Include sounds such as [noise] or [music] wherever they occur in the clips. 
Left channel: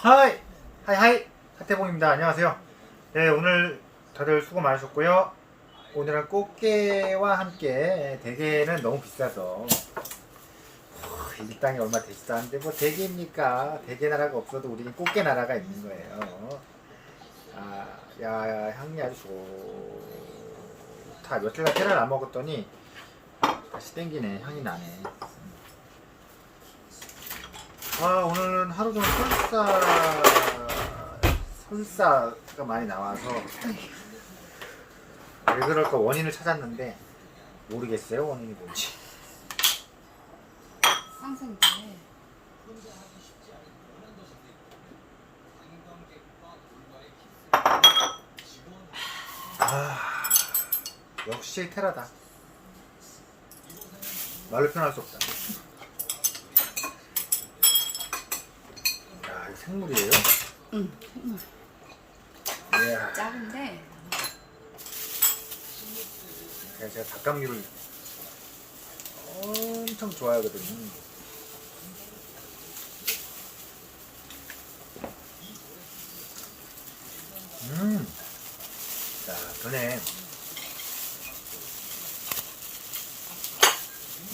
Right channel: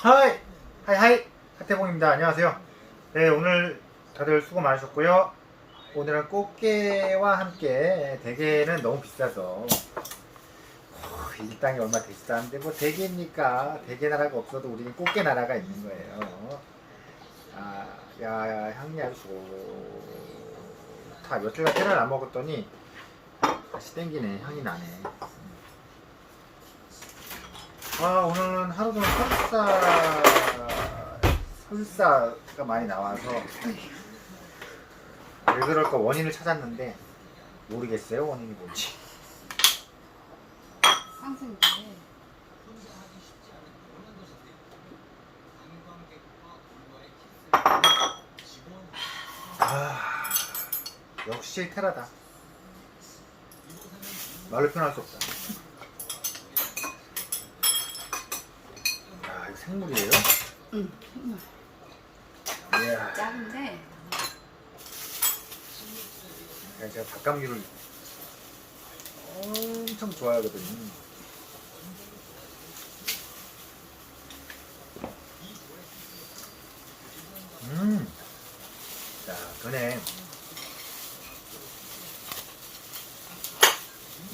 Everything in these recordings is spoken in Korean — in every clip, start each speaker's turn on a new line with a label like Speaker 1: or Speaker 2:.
Speaker 1: 하이! 하이 하이! 하태봉입니다. 안녕하세요. 네, 오늘 다들 수고 많으셨고요. 오늘은 꽃게와 함께 대게는 너무 비싸서 어, 일당이 얼마 되지도 않는데 뭐 대게입니까? 대게 나라가 없어도 우리는 꽃게 나라가 있는 거예요. 아, 야, 향이 아주 좋다. 며칠간 테라를 안 먹었더니 다시 땡기네. 향이 나네. 아 오늘은 하루 종일 설사 설사가 많이 나와서 왜 그럴까 원인을 찾았는데 모르겠어요 원인이 뭔지.
Speaker 2: 상승인데
Speaker 1: 아 역시 테라다. 말로 표현할 수 없다 야 이거 생물이에요?
Speaker 2: 응 정말
Speaker 1: 이야
Speaker 2: 작은데
Speaker 1: 제가, 제가 닭감기를 엄청 좋아하거든요. 음, 자, 전에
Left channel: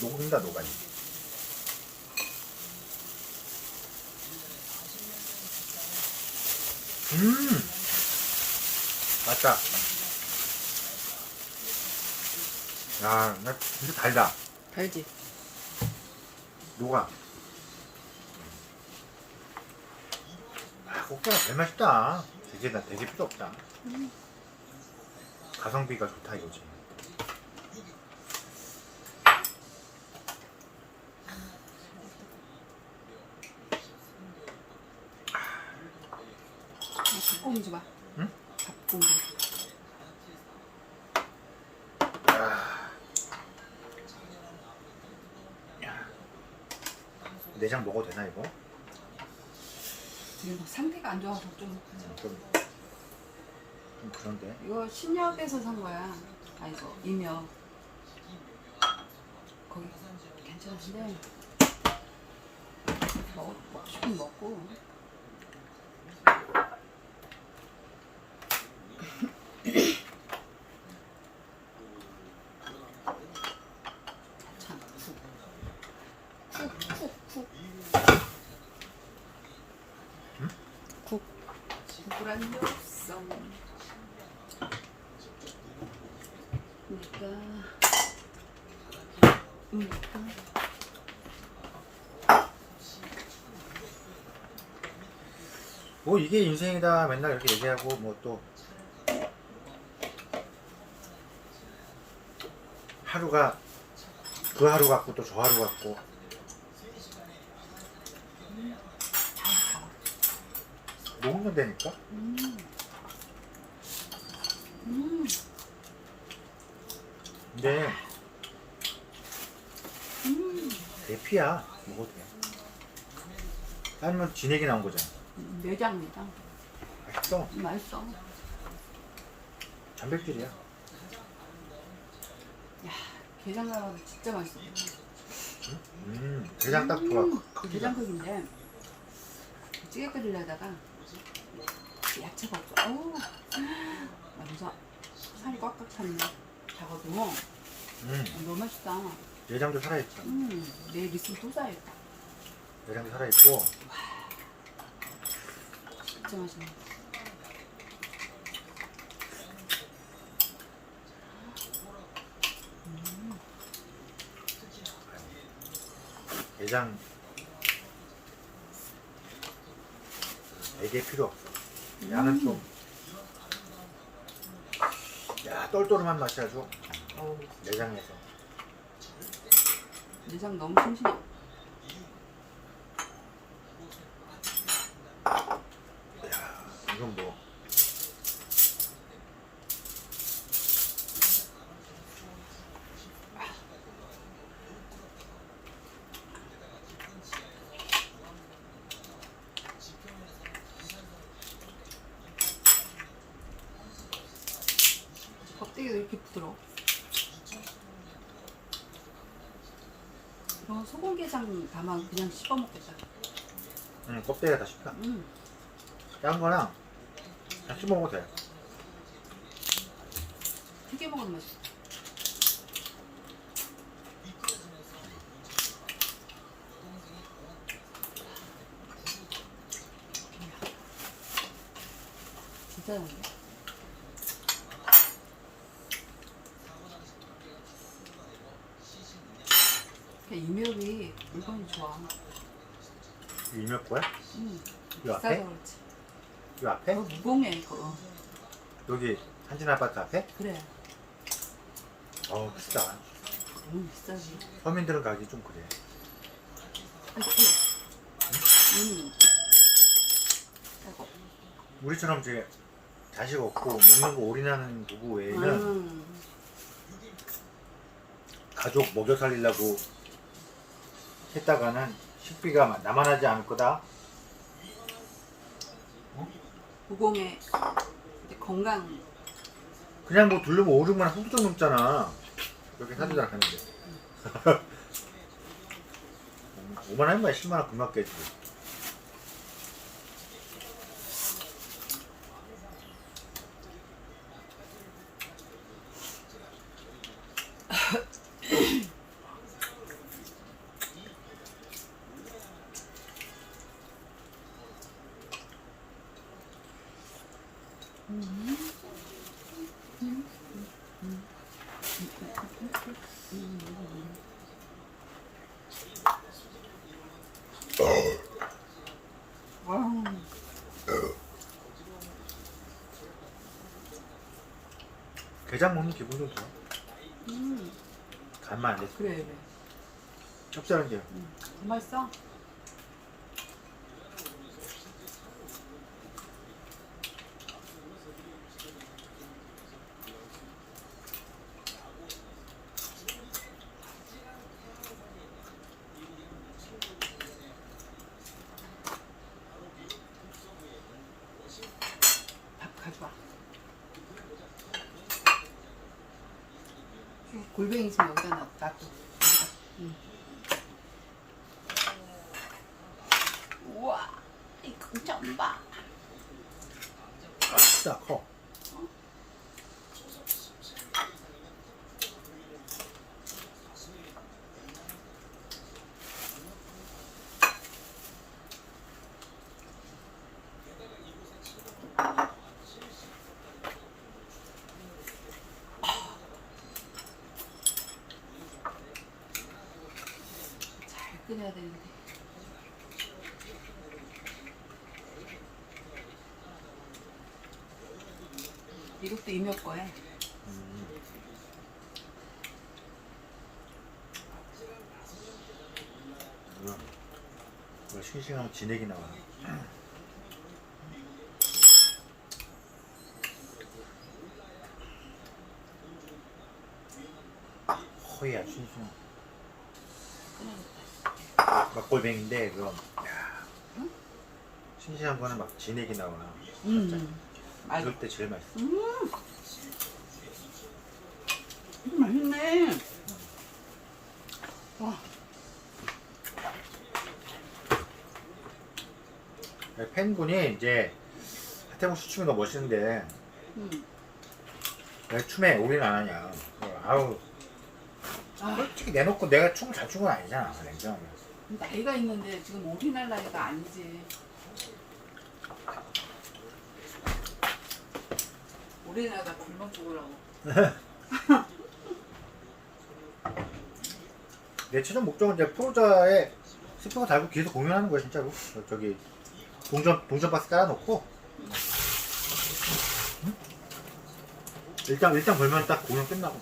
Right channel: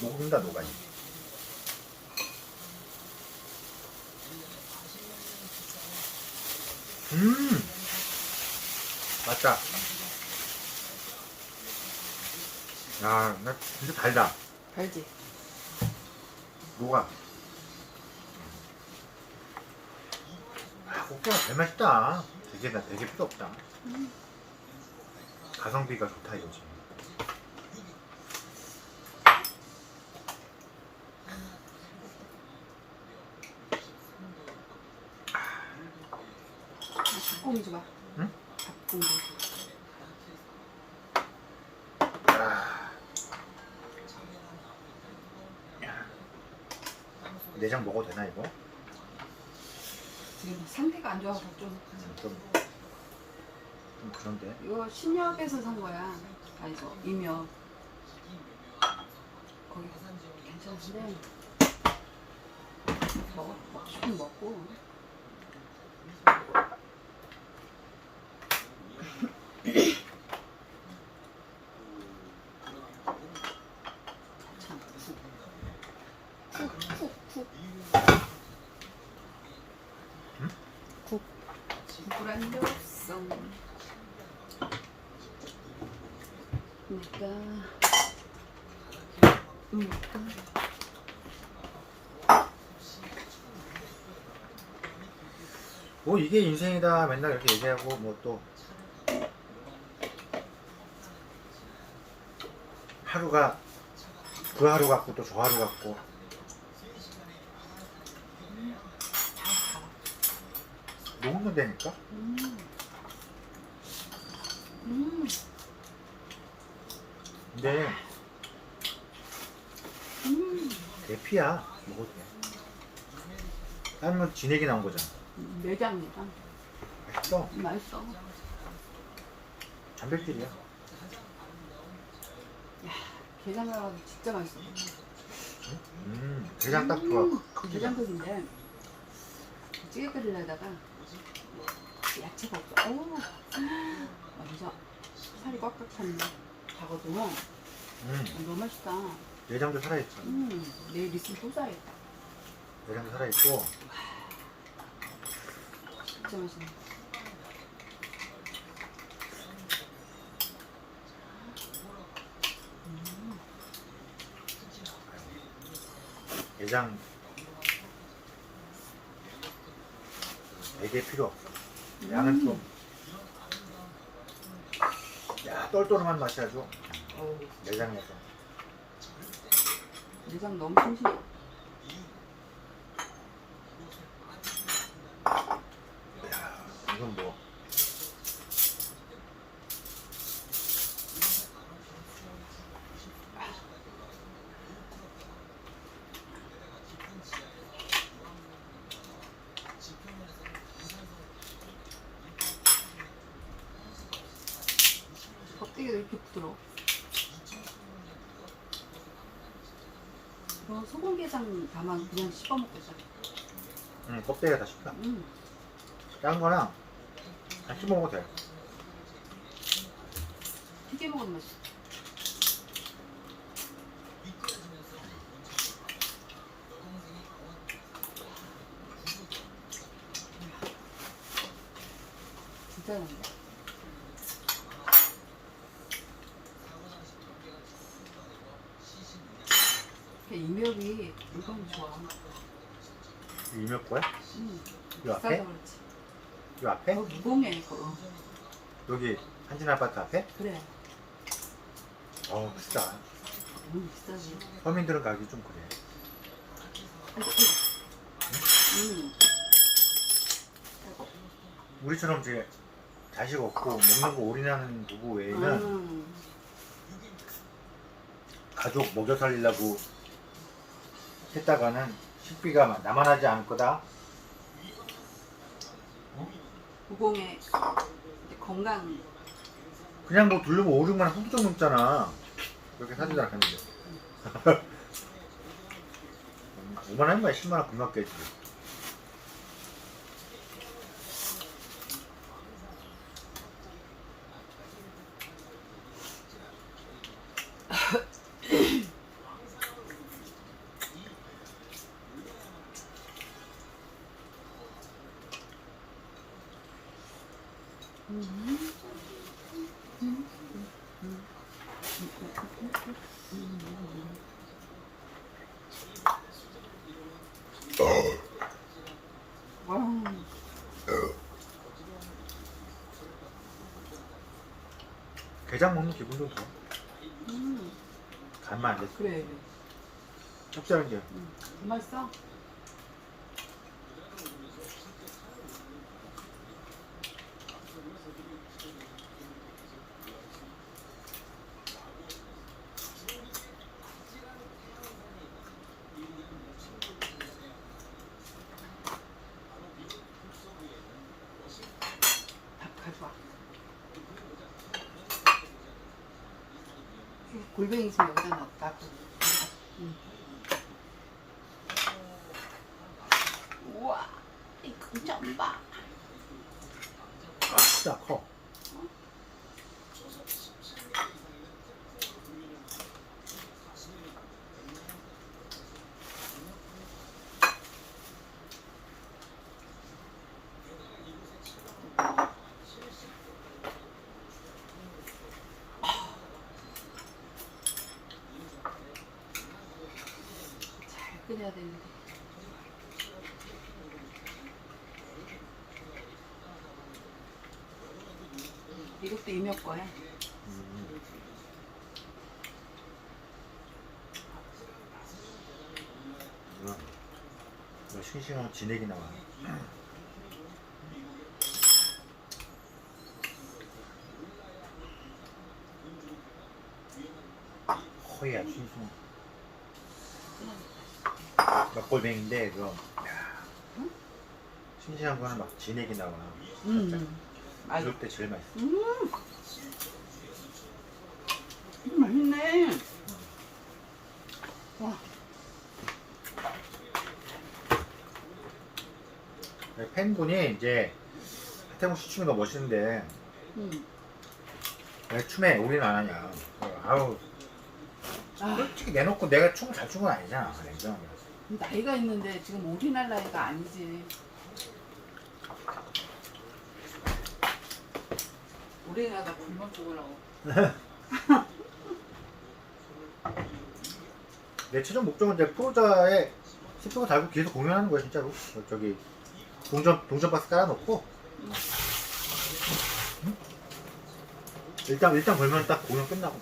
Speaker 1: 녹는다 녹아요. 음, 맞다. 야, 나 진짜 달다.
Speaker 2: 달지
Speaker 1: 녹아. 아, 꽃게가 제일 맛있다. 되게, 나 되게 필요 없다. 가성비가 좋다 이거지.
Speaker 2: 닭고기 줘봐
Speaker 1: 응? 야. 야. 내장 먹어도 되나 이거?
Speaker 2: 지금 상태가 안 좋아서 좀
Speaker 1: 좀, 좀 그런데.
Speaker 2: 이거 신협에서 산 거야 아니죠 이명 거기 괜찮은데 먹, 먹고 싶으면 먹고 없어. 그러니까, 그러니까.
Speaker 1: 뭐 이게 인생이다 맨날 이렇게 얘기하고 뭐 또 하루가 그 하루 같고 또 저 하루 같고 녹는다니까
Speaker 2: 음. 음.
Speaker 1: 근데
Speaker 2: 음.
Speaker 1: 대피야 먹어도 돼 삶은 진액이 나온 거잖아
Speaker 2: 내장이다.
Speaker 1: 맛있어
Speaker 2: 맛있어.
Speaker 1: 단백질이야
Speaker 2: 게장 나와도 진짜 맛있어.
Speaker 1: 음 대장 딱 좋아 크기가
Speaker 2: 게장국인데 찌개 끓이려다가 야채가 없어. 오. 그래서 살이 꽉꽉 찼네. 작아도
Speaker 1: 음
Speaker 2: 너무 맛있다.
Speaker 1: 내장도 살아있죠
Speaker 2: 음, 내일 있으면 또 사야겠다.
Speaker 1: 내장도 살아있고
Speaker 2: 진짜 맛있네.
Speaker 1: 내장 되게 필요 없어 양은 좀. 야, 똘똘한 맛이 아주.
Speaker 2: 오,
Speaker 1: 내장에서.
Speaker 2: 내장 너무 싱싱해.
Speaker 1: 야, 이건 뭐
Speaker 2: 껍데기가 이렇게 부드러워. 이거 소금게장 담아 그냥 씹어 먹겠다.
Speaker 1: 응, 껍데기가 다 식감
Speaker 2: 음.
Speaker 1: 딴 거랑 같이 먹어도 돼.
Speaker 2: 튀겨 먹으면 맛있어. 진짜 좋은데? 그냥 이명이 물건이 좋아.
Speaker 1: 이몇 거야?
Speaker 2: 응.
Speaker 1: 이 앞에?
Speaker 2: 비싸서 그렇지.
Speaker 1: 이 앞에?
Speaker 2: 여기 무공해 이거.
Speaker 1: 여기 한진 아파트 앞에?
Speaker 2: 그래.
Speaker 1: 어 비싸.
Speaker 2: 너무 비싸지.
Speaker 1: 서민들은 가기 좀 그래.
Speaker 2: 음. 아이고.
Speaker 1: 우리처럼 이제 자식 없고 먹는 거 올인하는 부부 외에는
Speaker 2: 음.
Speaker 1: 가족 먹여 살리려고 했다가는 식비가 남아나지 않을 거다.
Speaker 2: 이제 건강
Speaker 1: 그냥 뭐 둘러면 5, 6만 원 훌쩍 넘잖아. 이렇게 사주잖아, 했는데. 5만 원이면 10만 원 금방 깨지.
Speaker 2: 와. [laughs]
Speaker 1: 게장 먹는 기분도 좋아.
Speaker 2: 음.
Speaker 1: 간만 안 됐어.
Speaker 2: 그래 그래.
Speaker 1: 짭짤한 게.
Speaker 2: 음. 맛있어. 밥 가져와. 좀 여기다. 응. 우와, 이거 좀 봐.
Speaker 1: 진짜 커.
Speaker 2: 잘 끓여야 되는데. 이것도 이몇 거야.
Speaker 1: 음. 이거, 이거 싱싱한 진액이 나와. 허야 싱싱. 막골뱅인데 그거 야, 싱싱한 거는 막 진액이 나와.
Speaker 2: 음. 맞아.
Speaker 1: 이럴 때 제일 맛있어.
Speaker 2: 음. 음, 맛있네. 와,
Speaker 1: 팬분이 이제 하태공 씨 춤이 너무 멋있는데
Speaker 2: 음.
Speaker 1: 왜 춤에 올인 안 하냐. 어, 아우
Speaker 2: 아,
Speaker 1: 솔직히 내놓고 내가 춤을 잘 추는 건 아니잖아. 냉정하게.
Speaker 2: 나이가 있는데 지금 올인할 나이가 아니지. 올인하다 굶어 죽으려고.
Speaker 1: 내 최종 목적은 이제 프로자에 스피커 달고 뒤에서 공연하는 거야 진짜로. 저- 저기 동전 동전 박스 깔아놓고 응? 일단 일단 걸면 딱 공연 끝나고.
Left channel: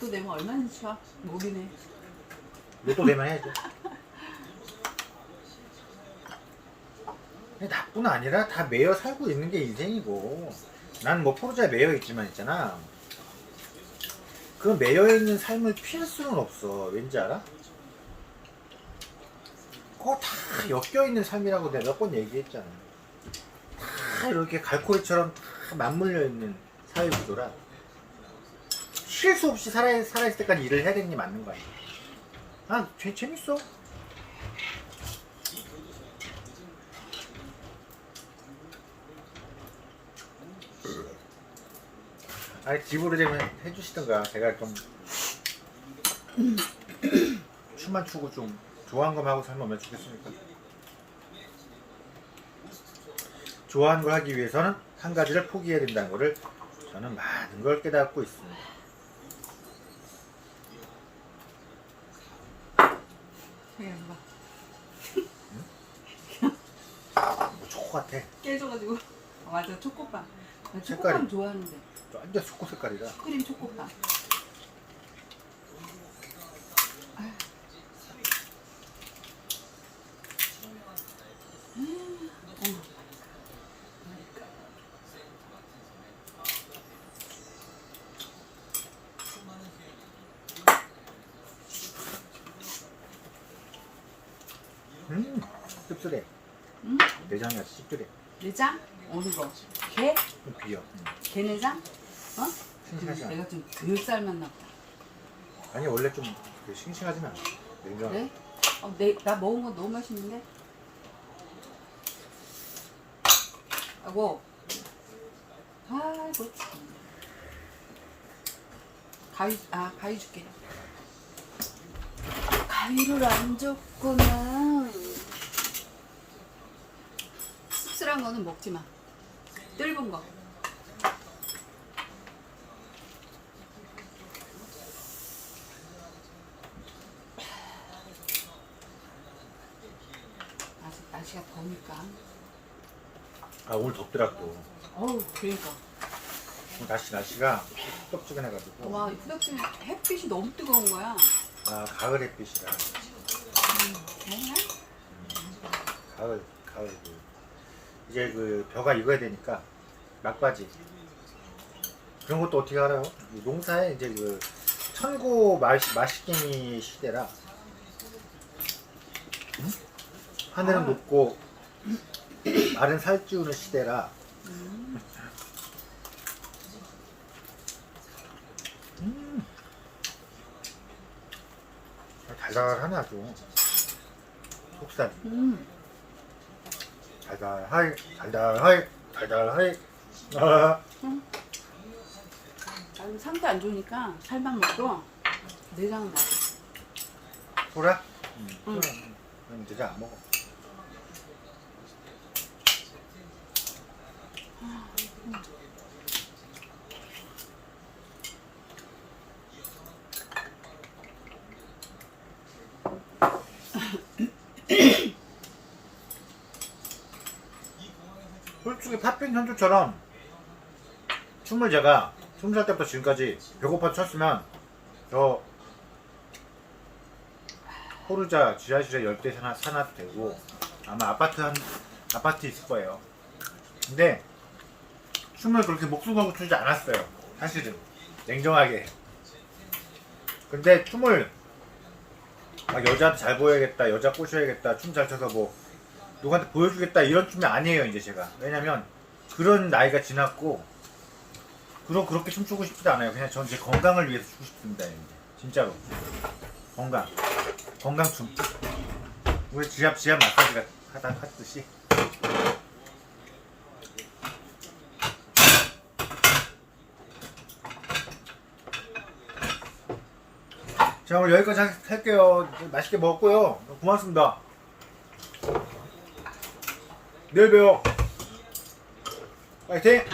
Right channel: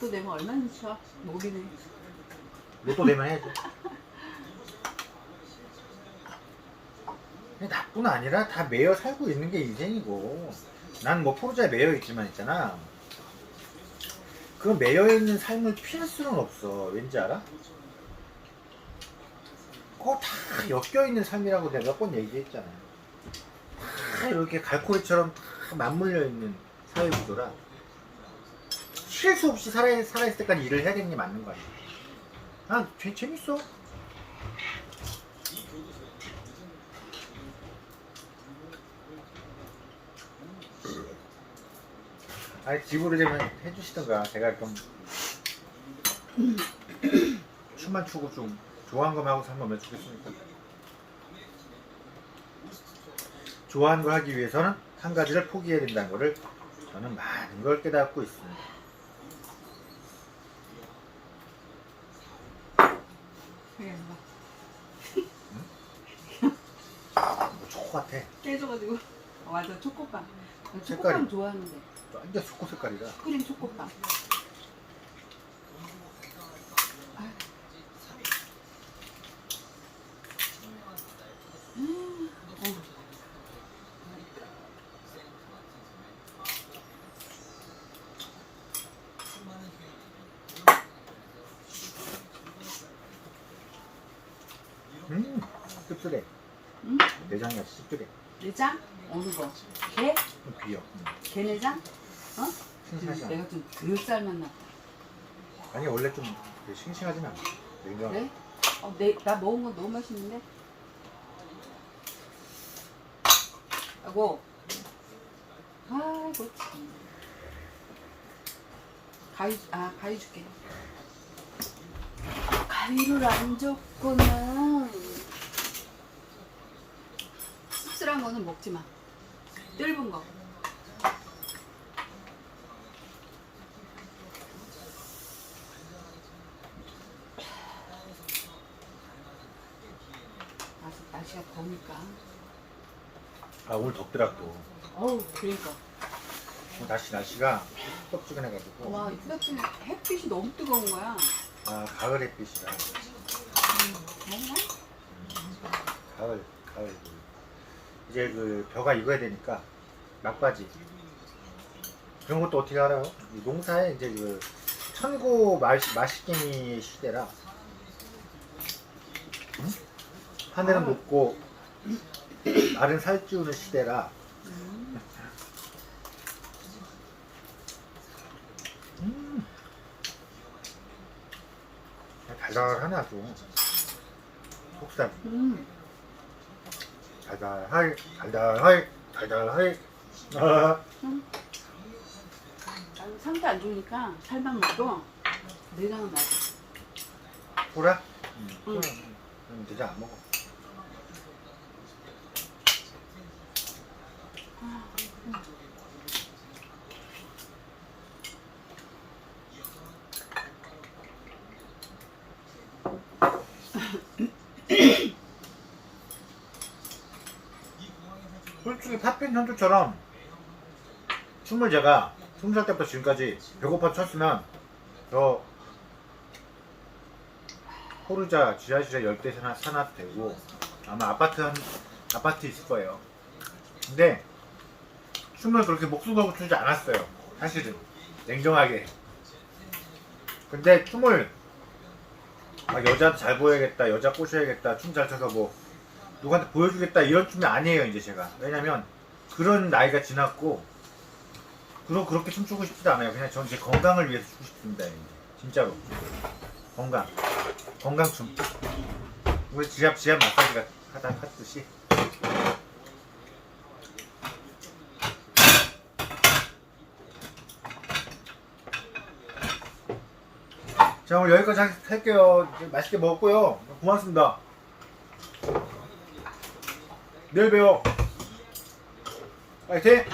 Speaker 2: 로또 내면 얼마나 쳐? 목이네.
Speaker 1: 로또 되면 해야죠. 근데 나뿐 아니라 다 매여 살고 있는 게 인생이고 난 뭐 포르자에 매여 있지만 있잖아 그 매여 있는 삶을 피할 수는 없어 왠지 알아? 그거 다 엮여 있는 삶이라고 내가 몇 번 얘기했잖아 다 이렇게 갈고리처럼 다 맞물려 있는 사회 구조라 쉴 수 없이 살아, 살아있을 때까지 일을 해야 되는 게 맞는 거 아니야? 난 재, 재밌어. 아니 집으로 되면 해주시던가. 제가 좀 춤만 추고 좀 좋아하는 것만 하고 살면 얼마나 좋겠습니까? 좋아하는 걸 하기 위해서는 한 가지를 포기해야 된다는 것을 저는 많은 걸 깨닫고 있습니다
Speaker 2: 그래, 막
Speaker 1: 뭐 초코 같아
Speaker 2: 깨져가지고. 어, 맞아, 초코빵. 나
Speaker 1: 색깔이.
Speaker 2: 초코빵 좋아하는데.
Speaker 1: 완전 초코 색깔이라
Speaker 2: 크림 초코빵. 음, 어우.
Speaker 1: 음 씁쓸해
Speaker 2: 음?
Speaker 1: 씁쓸해
Speaker 2: 내장? 어느 거? 게?
Speaker 1: 좀 비어 음.
Speaker 2: 게내장? 어?
Speaker 1: 싱싱하지 않아
Speaker 2: 내가 좀덜 삶았나 보다.
Speaker 1: 아니 원래 좀 싱싱하진 않아 냉정
Speaker 2: 그래? 어, 내, 나 먹은 거 너무 맛있는데? 아고. 아, 그렇지. 가위, 아, 가위 줄게. 가위를 안 줬구나. 거는 먹지 마. 뜰은 거. 날씨, 날씨가 더우니까.
Speaker 1: 아 오늘 덥더라 또
Speaker 2: 어우, 그러니까.
Speaker 1: 날씨 날씨가 후덥지근해가지고
Speaker 2: 와, 후덥지 햇빛이 너무 뜨거운 거야.
Speaker 1: 아 가을 햇빛이라
Speaker 2: 먹네?
Speaker 1: 가을 가을 그 이제 그 벼가 익어야 되니까 막바지 그런 것도 어떻게 알아요? 이 농사에 이제 그 천고 마, 마시갱이 시대라 응? 하늘은
Speaker 2: 아.
Speaker 1: 높고 말은 살찌우는 시대라
Speaker 2: 음.
Speaker 1: 음. 달달하네 아주 속살
Speaker 2: 음.
Speaker 1: 달달하이 달달하이 달달하이 아,
Speaker 2: 나는 상태 안 좋으니까 살만 먹고 내장은 먹어.
Speaker 1: 소라? 응.
Speaker 2: 응.
Speaker 1: 그럼 내장 안 먹어 팥빈 현주처럼 춤을 제가 스무 살 때부터 지금까지 배고파 췄으면 저 포르자 지하실에 열대 산업, 산업 되고 아마 아파트 한 아파트 있을 거예요. 근데 춤을 그렇게 목숨 걸고 추지 않았어요. 사실은 냉정하게. 근데 춤을 막 여자한테 잘 보여야겠다, 여자 꼬셔야겠다, 춤 잘 춰서 뭐 누구한테 보여주겠다 이런 춤이 아니에요 이제 제가. 왜냐면 그런 나이가 지났고 그러 그렇게 춤추고 싶지도 않아요. 그냥 전 제 건강을 위해서 추고 싶습니다. 이제. 진짜로 건강. 건강 춤. 우리 지압 지압 마사지가 하다 하듯이. 자 오늘 여기까지 할- 할게요. 맛있게 먹었고요. 고맙습니다. 내일 봬요. 파이팅!